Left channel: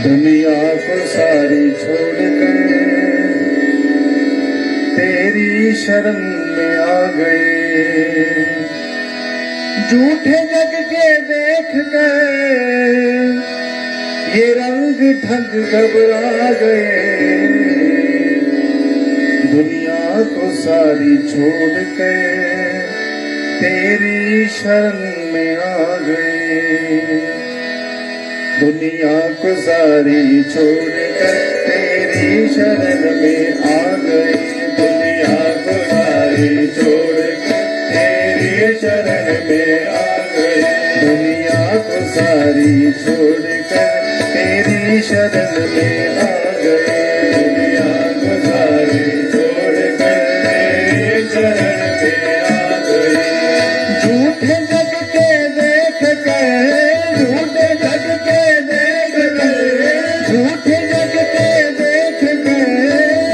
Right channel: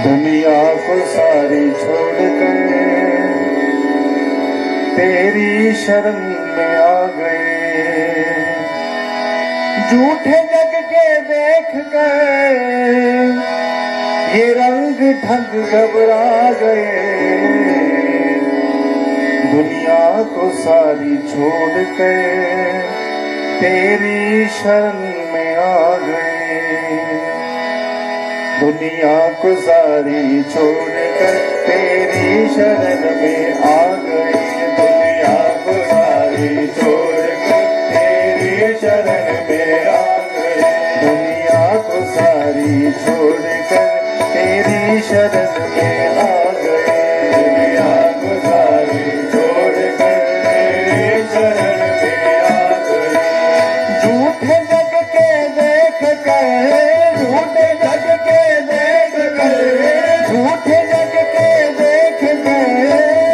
दुनिया को सारी छोड़कर तेरी शरण में आ गए, झूठे जग के देख कर ये रंग ढंग घबरा गए। दुनिया को सारी छोड़कर तेरी शरण में आ गए, दुनिया को सारी छोड़कर तेरी शरण में आ गए, दुनिया को सारी छोड़कर तेरी शरण में आ गए, दुनिया को सारी छोड़कर तेरी शरण में आ गए, दुनिया को सारी छोड़कर तेरी शरण में आ गए। झूठे जग के देख कर, झूठे जग के देख कर, झूठे जग के देख कर,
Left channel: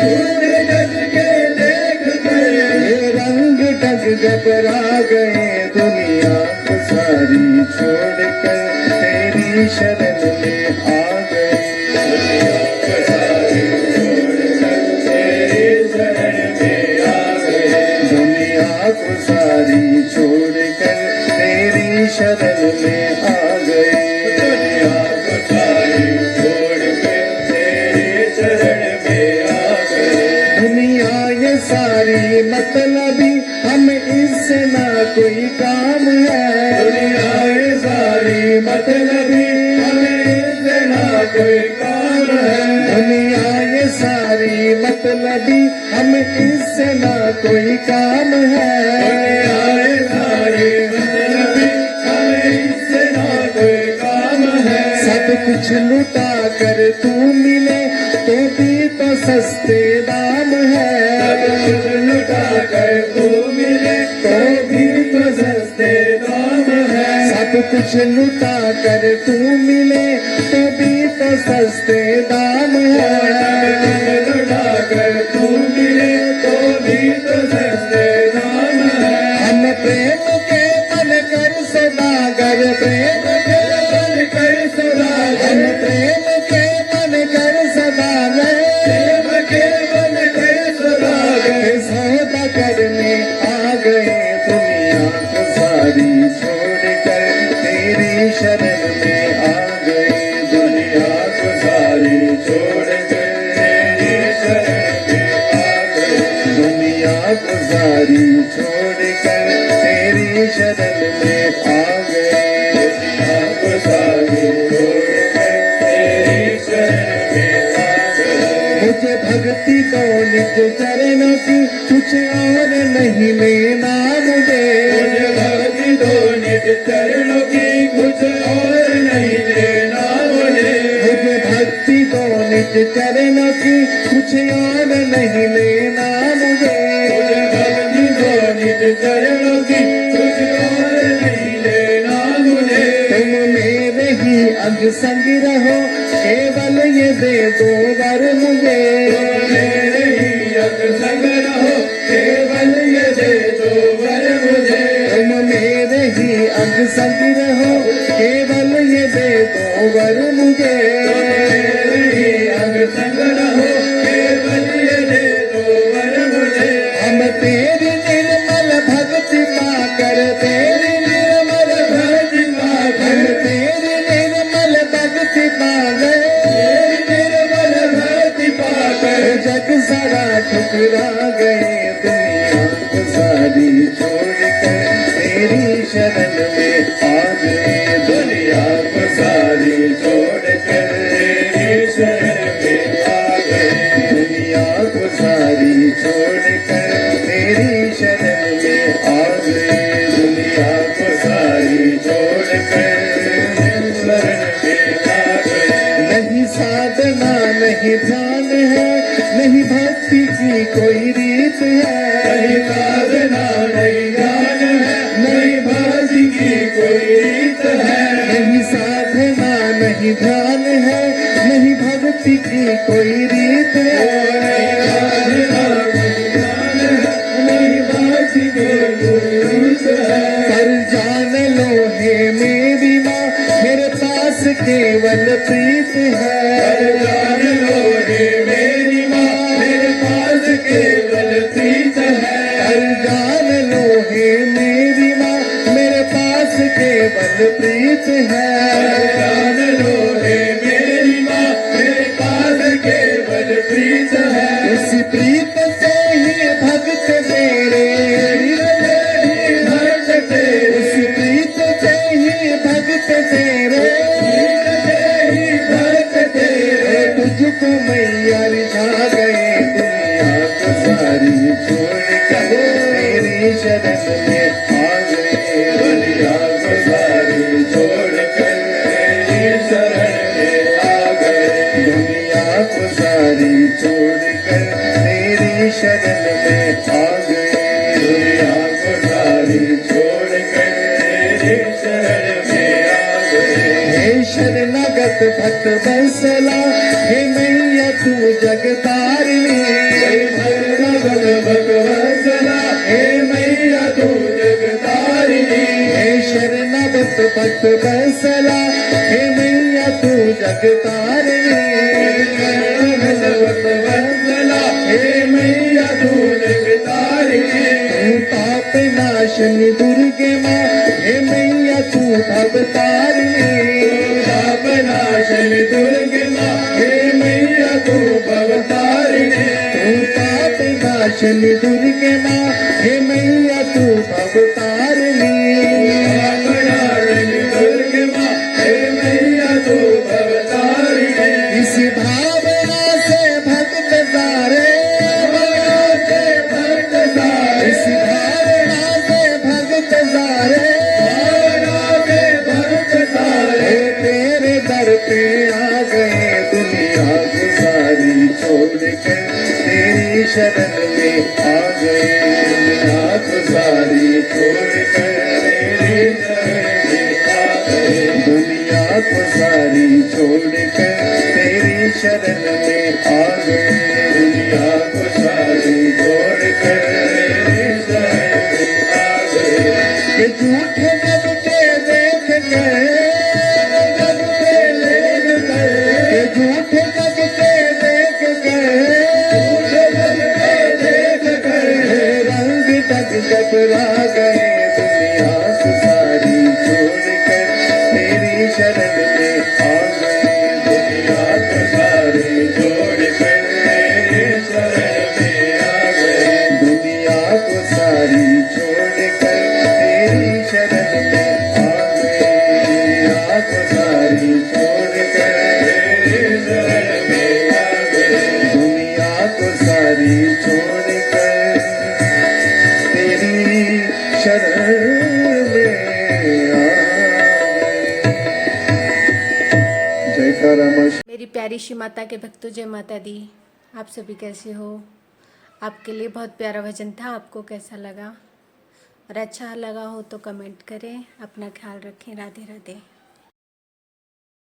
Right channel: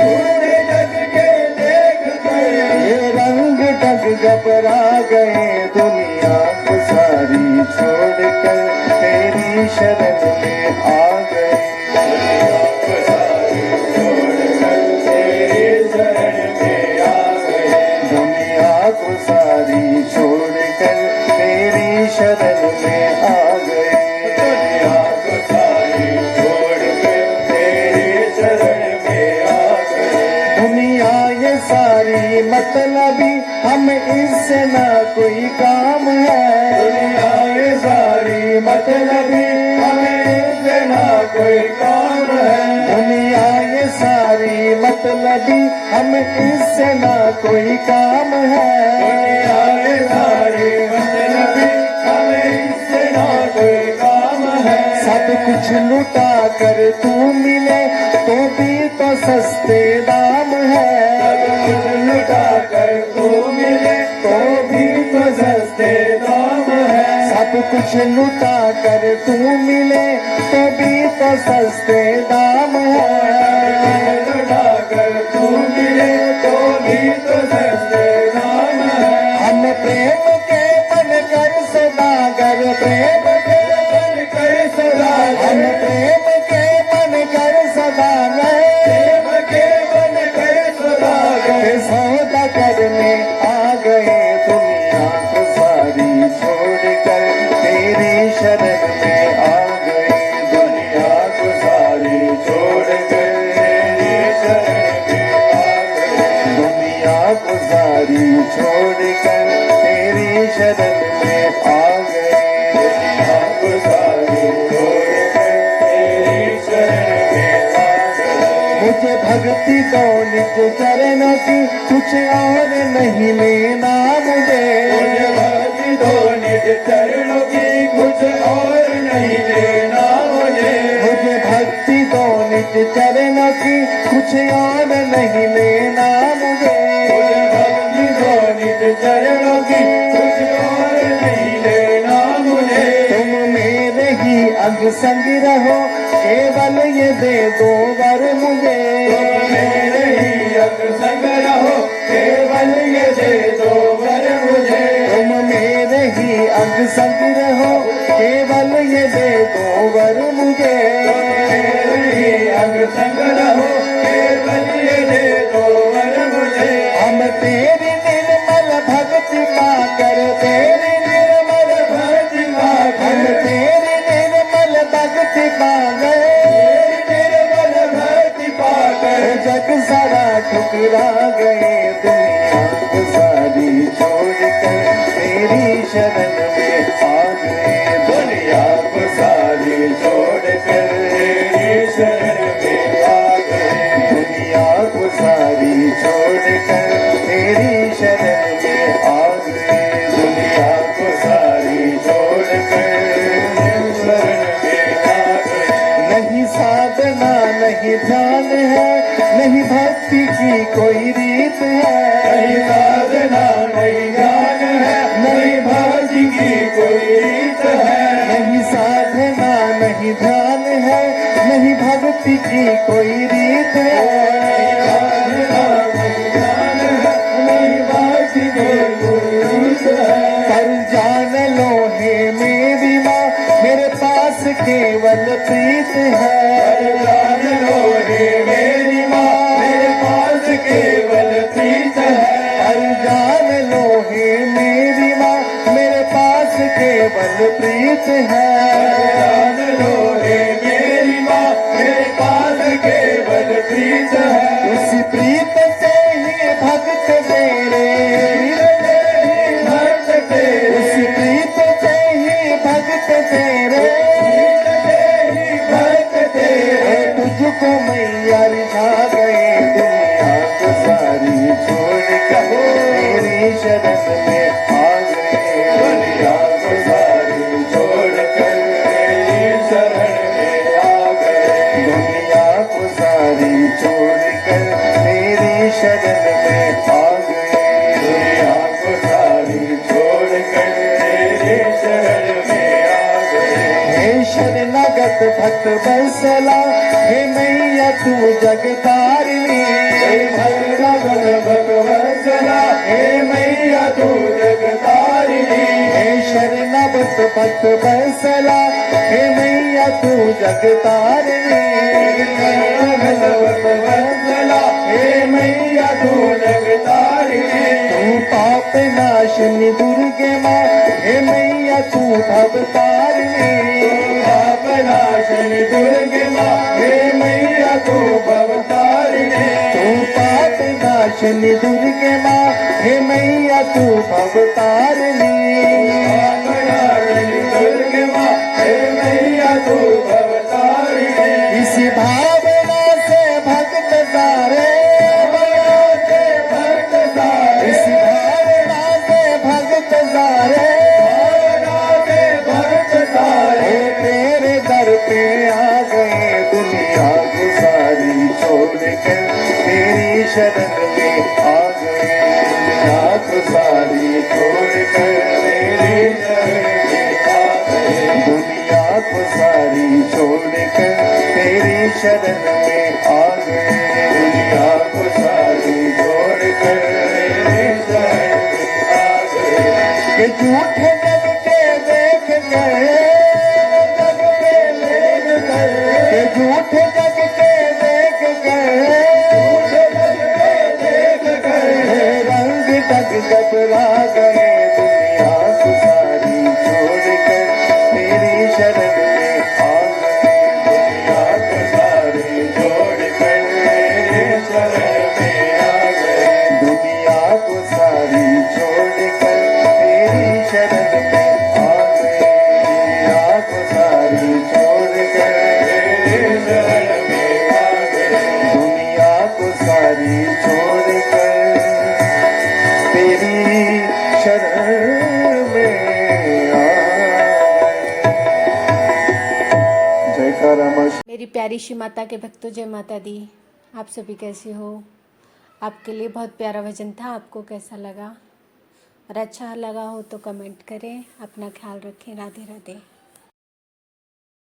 झूठे जग के देख कर ये रंग ढंग घबरा गए। दुनिया को सारी छोड़कर तेरी शरण में आ गए, दुनिया को सारी छोड़कर तेरी शरण में आ गए, दुनिया को सारी छोड़कर तेरी शरण में आ गए, दुनिया को सारी छोड़कर तेरी शरण में आ गए। दुनिया ये सारी मतलबी हम इससे ना कोई काम है, दुनिया ये सारी मतलबी हमें इससे ना कोई काम है, दुनिया ये सारी मतलबी हम इससे ना कोई काम है, दुनिया ये सारी मतलबी हमें इससे ना कोई काम है। सब कुछ लुटा कर तू मिले तो भी तो सस्ते दाम है, सब कुछ लुटा कर तू मिले तो भी तो सस्ते दाम है, सब कुछ लुटा कर तू मिले तो भी तो सस्ते दाम है, लुटा कर तू मिले तो भी तो सस्ते दाम है। हम प्रेम के बन कर सदागर, प्रेम के बन कर सदागर, हम प्रेम के बन कर सदागर, प्रेम के बन कर सदागर सौदा करने आ गए। दुनिया को सारी छोड़कर तेरी शरण में आ गए, दुनिया को सारी छोड़कर तेरी शरण में आ गए, दुनिया को सारी छोड़कर तेरी शरण में आ गए, दुनिया को सारी छोड़कर तेरी शरण में आ गए। मुझे भक्ति तो निज चरणों की कुछ और नहीं लेना, मुझे भक्ति तो निज चरणों की कुछ और नहीं लेना, मुझे भक्ति तो निज चरणों की कुछ और नहीं लेना, मुझे भक्ति तो निज चरणों की कुछ और नहीं लेना, मुझे तुम मेरे ही अंग संग रहो, केवल ये दे दो वर मुझे, मेरे ही अंग संग रहो, केवल ये दे दो वर मुझे, तुम मेरे ही अंग संग रहो, केवल ये दे दो वर मुझे, मेरे ही अंग संग रहो, केवल ये दे दो वर मुझे। हम तेरी निर्मल भक्ति पाकर, तेरी निर्मल भक्ति पाकर, हम तेरी निर्मल भक्ति पाकर, तेरी निर्मल भक्ति पाकर जग सारा ठुकरा गए। दुनिया को सारी छोड़कर तेरी शरण में आ गए, दुनिया को सारी छोड़कर तेरी शरण में आ गए, दुनिया को सारी छोड़कर तेरी शरण में आ गए, दुनिया को सारी छोड़कर तेरी शरण में आ गए। नहीं साधना नहीं ध्यान है, नहीं भक्ति की कोई रीत है, नहीं साधना नहीं ध्यान है, नहीं भक्ति की कोई रीत है, नहीं साधना नहीं ध्यान है, नहीं भक्ति की कोई रीत है, नहीं साधना नहीं ध्यान है, नहीं भक्ति की कोई केवल प्रीत है। जान लो हे मेरी माँ मेरे पास केवल प्रीत है। जान लो हे मेरी माँ मेरे पास केवल प्रीत है। जान लो हे मेरी माँ मेरे पास केवल प्रीत है। उसी प्रीत से ही भक्त तेरे भक्त तेरे, उसी प्रीत से ही भक्त तेरे भक्त तेरे। तुझको मैया रिझा गए दुनिया को सारी छोड़ कर तेरी शरण में आ गए। दुनिया को सारी छोड़ कर तेरी शरण में आ गए। दुनिया को सारी छोड़ कर तेरी शरण में आ गए। दुनिया को सारी छोड़ कर तेरी शरण में आ गए। हे शरणागत भक्त बंसला हे मैया तू जगतारिणी। हे शरणागत भक्त बंसला हे मैया तू जगतारिणी। हे शरणागत भक्त बंसला हे मैया तू जगतारिणी। शरणागत भक्त बंसला हे मैया तू जगतारिणी। तू पाप नाशनी दुर्गे माँ हे मैया तू भवतारिणी। पाप नाशनी दुर्गे माँ हे मैया तू भवतारिणी। तू पाप नाशनी दुर्गे माँ हे मैया तू भवतारिणी। पाप नाशनी दुर्गे माँ हे मैया तू भवतारिणी। इसी भावना से भक्त सारे इसी भावना से भक्त सारे तेरे दर पे आ गए। दुनिया को सारी छोड़ कर तेरी शरण में आ गए। दुनिया को सारी छोड़ कर तेरी शरण में आ गए। दुनिया को सारी छोड़ कर तेरी शरण में आ गए। दुनिया को सारी छोड़ कर तेरी शरण में आ गए। कि झूठे जग के देख गए झूठे जग के देख गए। रंग तक घबरा गए। दुनिया को सारी छोड़ कर तेरी शरण में आ गए। दुनिया को सारी छोड़ कर तेरी शरण में आ गए। दुनिया को सारी छोड़ कर तेरी शरण में आ गए। दुनिया को सारी छोड़ कर तेरी शरण में आ गए। दुनिया को सारी छोड़ कर तेरी शरण में आ गए। जयकारा माँ। मेरी प्यारी श्री माता के भक्तों, जय माता दी। आप सभी कैसे हो? आपके लिए बहुत प्यारा भजन था। आपको कैसा लगा? और अच्छा लगा हो तो कमेंट करें। अपना ख्याल रखें। राधे राधे।